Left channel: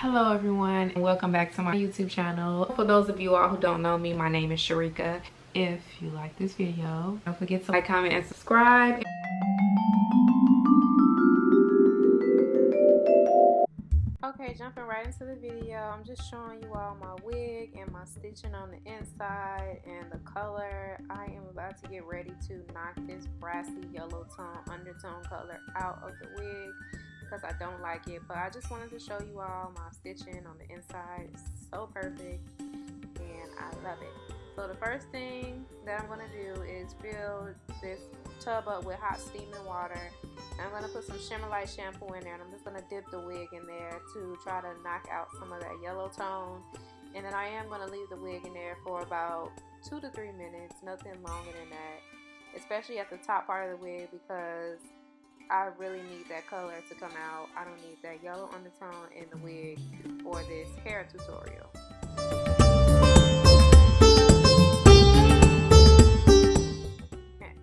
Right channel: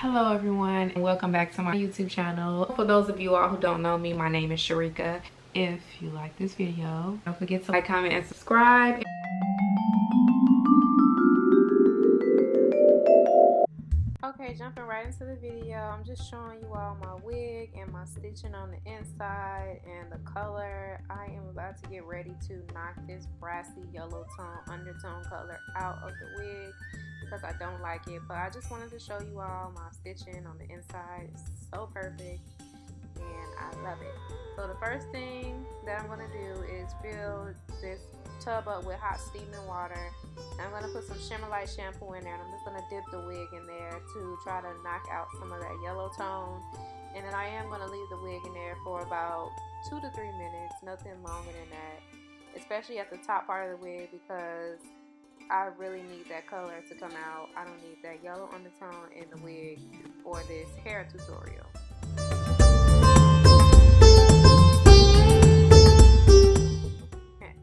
Hello everyone and welcome back to my YouTube channel. For those of you all who don't know me, my name is Sharika. If you like this video, don't forget to like, comment, and subscribe. Okay, jumping right into the video, I'm just showing you all my wig and my stitching on the inside and the color. I am about to get ready to knock this brassy yellow tone undertone color out of the wig because I don't like it, but I just wanted to show you all my stitching on the inside. It's so perfect and I love it. So the first thing that I'm going to do is fill this tub up with hot steaming water. I'm going to put some Shimmer Light shampoo in there, and I'm just going to dip the wig in there to try to knock out some of that yellow tone. And then I am going to leave the wig in there for about 2 to 3 minutes, nothing longer than that, especially at the top part of the wig, because I really need that color to come out. I don't need that yellow undertone in the wig for this hair tutorial.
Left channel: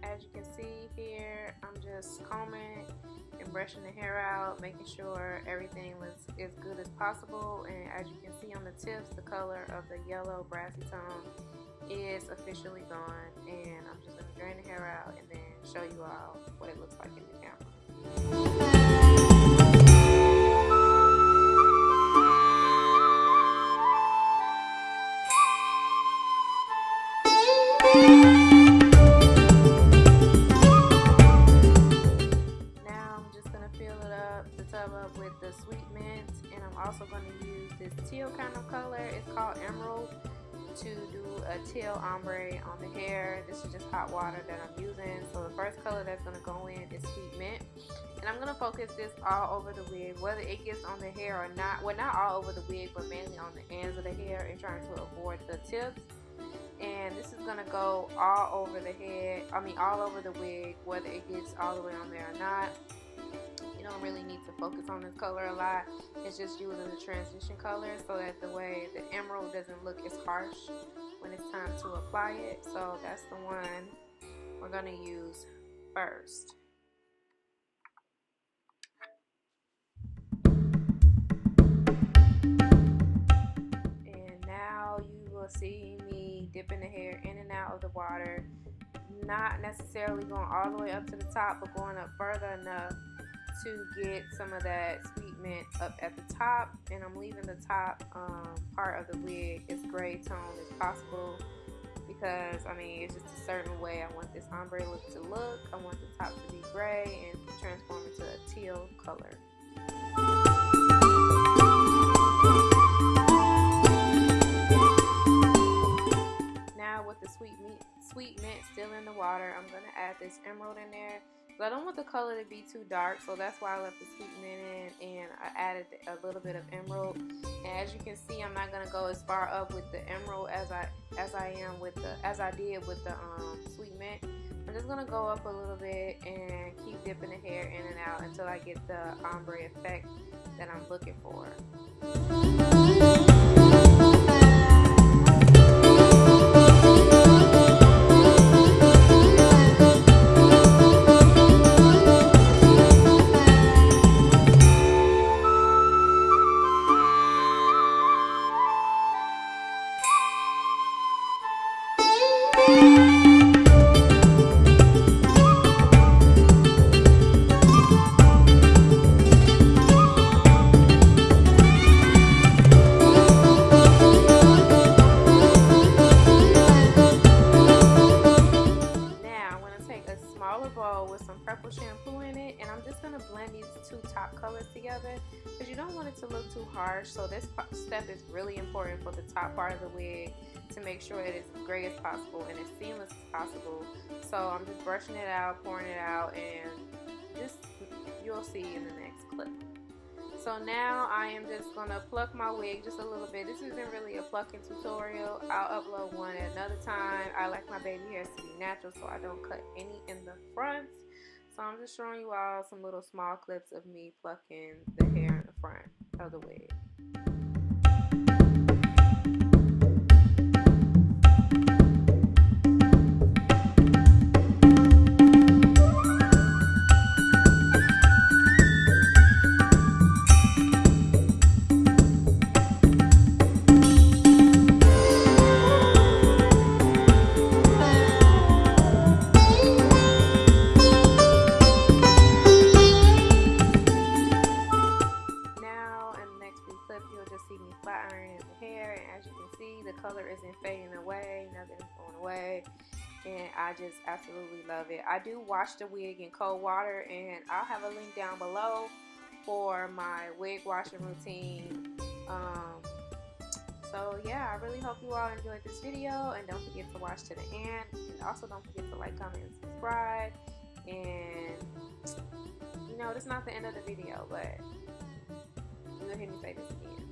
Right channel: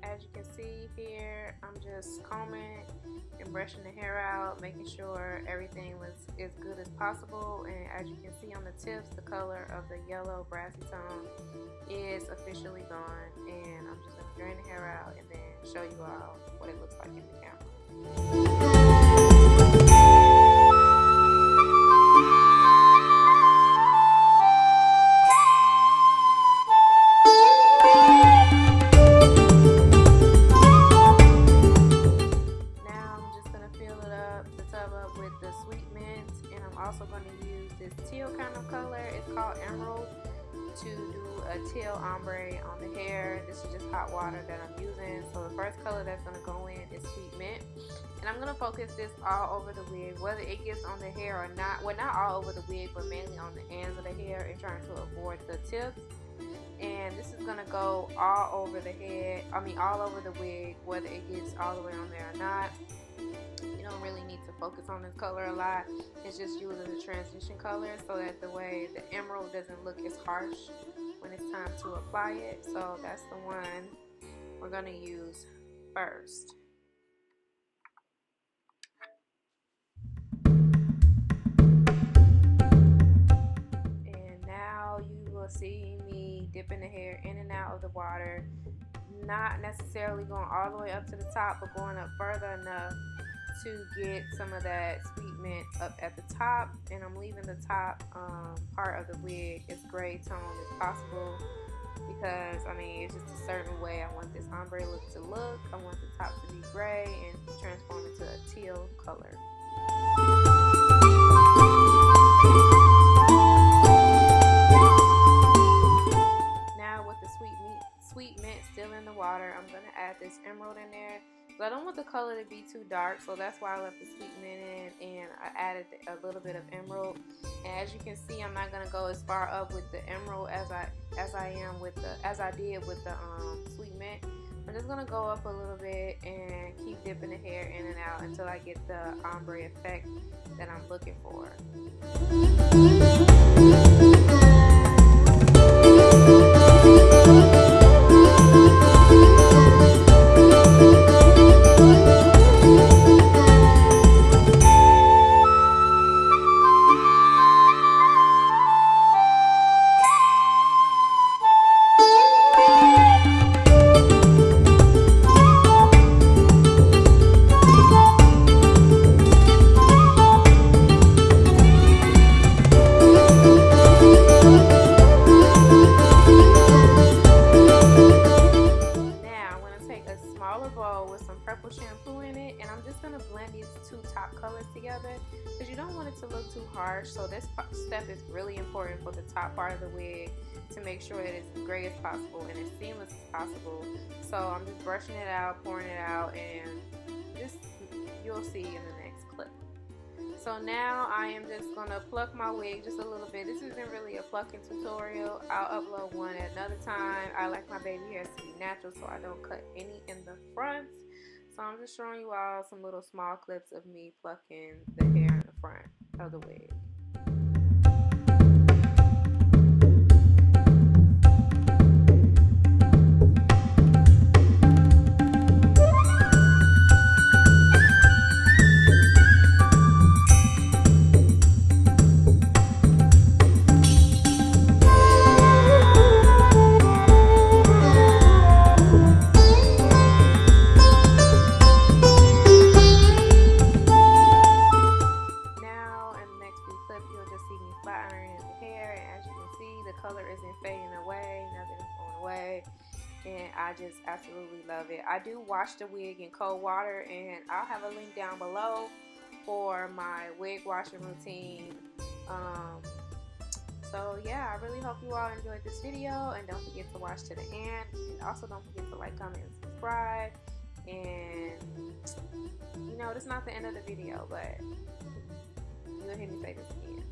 As you can see here, I'm just combing and brushing the hair out, making sure everything was as good as possible. And as you can see on the tips, the color of the yellow brassy tone is officially gone. And I'm just going to drain the hair out and then show you all what it looks like in the camera. Up with the sweet mint, and I'm also going to use this teal kind of color. It's called Emerald, to do a teal ombre on the hair. This is just hot water that I'm using. So the first color that's going to go in is sweet mint, and I'm going to focus this all over the wig, whether it gets on the hair or not. Well, not all over the wig, but mainly on the ends of the hair and trying to avoid the tips. And this is going to go all over the head, all over the wig, whether it gets all the way on there or not. You don't really need to focus on this color a lot. It's just used as a transition color so that the way the emerald doesn't look as harsh when it's time to apply it. So that's the one we're going to use first. And now you will see me dipping the hair in and out of the water, not necessarily going all the way up to the top, but going up further enough to get some of that sweet mint up at the top. And I'm leaving the top part of the wig as gray tone as possible, because it's just a certain way I want this ombre look to look. I want the top to be gray and transform into a teal color. Now with the sweet mint still in the water, I'm going to add this emerald in there. But I don't want the color to be too dark, so that's why I left the sweet mint in, and I added a little bit of emerald. And as you can see, I'm not gonna go as far up with the emerald as I did with the sweet mint. I'm just gonna go up a little bit and keep dipping the hair in and out until I get the ombre effect that I'm looking for. Shampoo in it, and I'm just going to blend these two top colors together because you don't want it to look too harsh. So this step is really important for the top part of the wig to make sure it is as gray as possible and as seamless as possible. So I'm just brushing it out, pouring it out, and just you'll see in the next clip. So now I am just going to pluck my wig just a little bit. This isn't really a plucking tutorial. I'll upload one at another time. I like my baby hairs to be natural, so I don't cut any in the front. So I'm just showing you all some little small clips of me plucking the hair in the front of the wig. just see me flat ironing the hair, and as you can see, the color isn't fading away, nothing is going away, and I just absolutely love it. I do wash the wig in cold water, and I'll have a link down below for my wig washing routine. So yeah, I really hope you all enjoyed this video, and don't forget to watch to the end, and also don't forget to like, comment, and subscribe. And you know, this is not the end of the video, but you'll hear me say this again.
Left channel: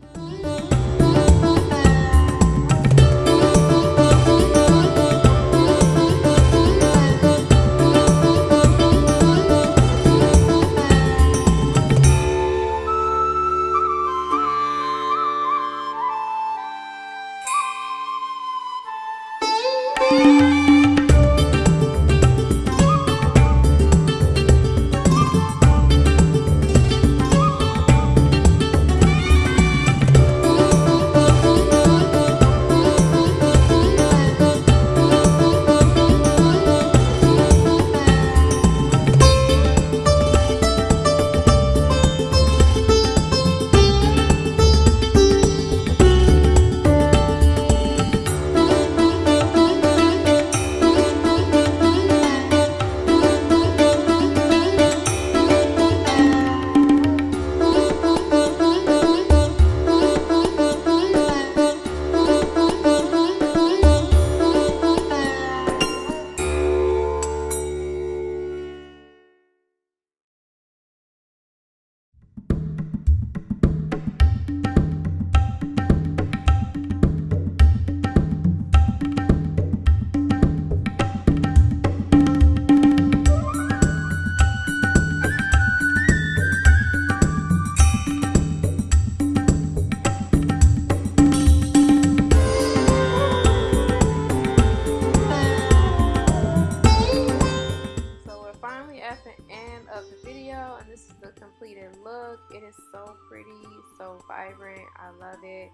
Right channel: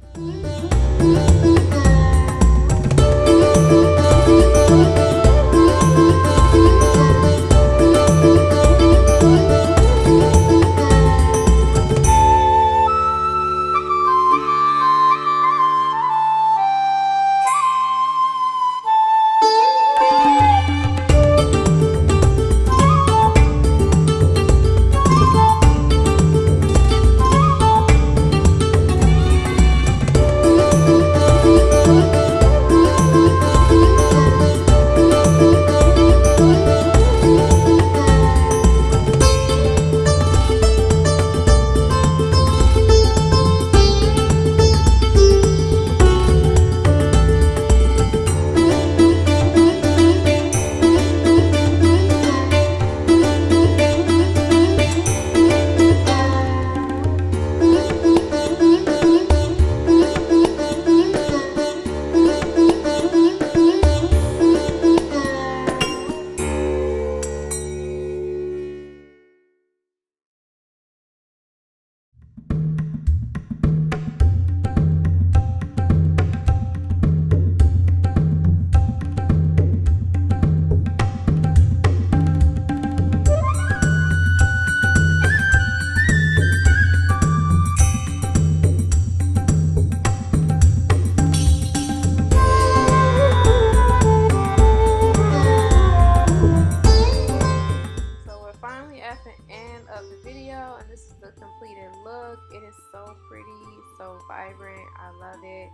At the end of the video, and this is the completed look. It is so pretty, so vibrant. I love it.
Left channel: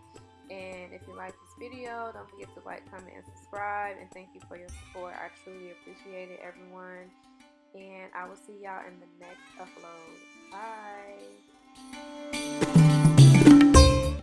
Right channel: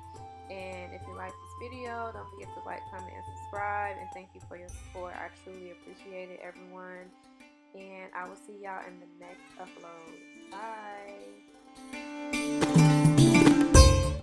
And if you like this video, don't forget to like, comment, and subscribe. And thank you for your support. I truly appreciate it, everyone. And I will see y'all in the next upload. Bye.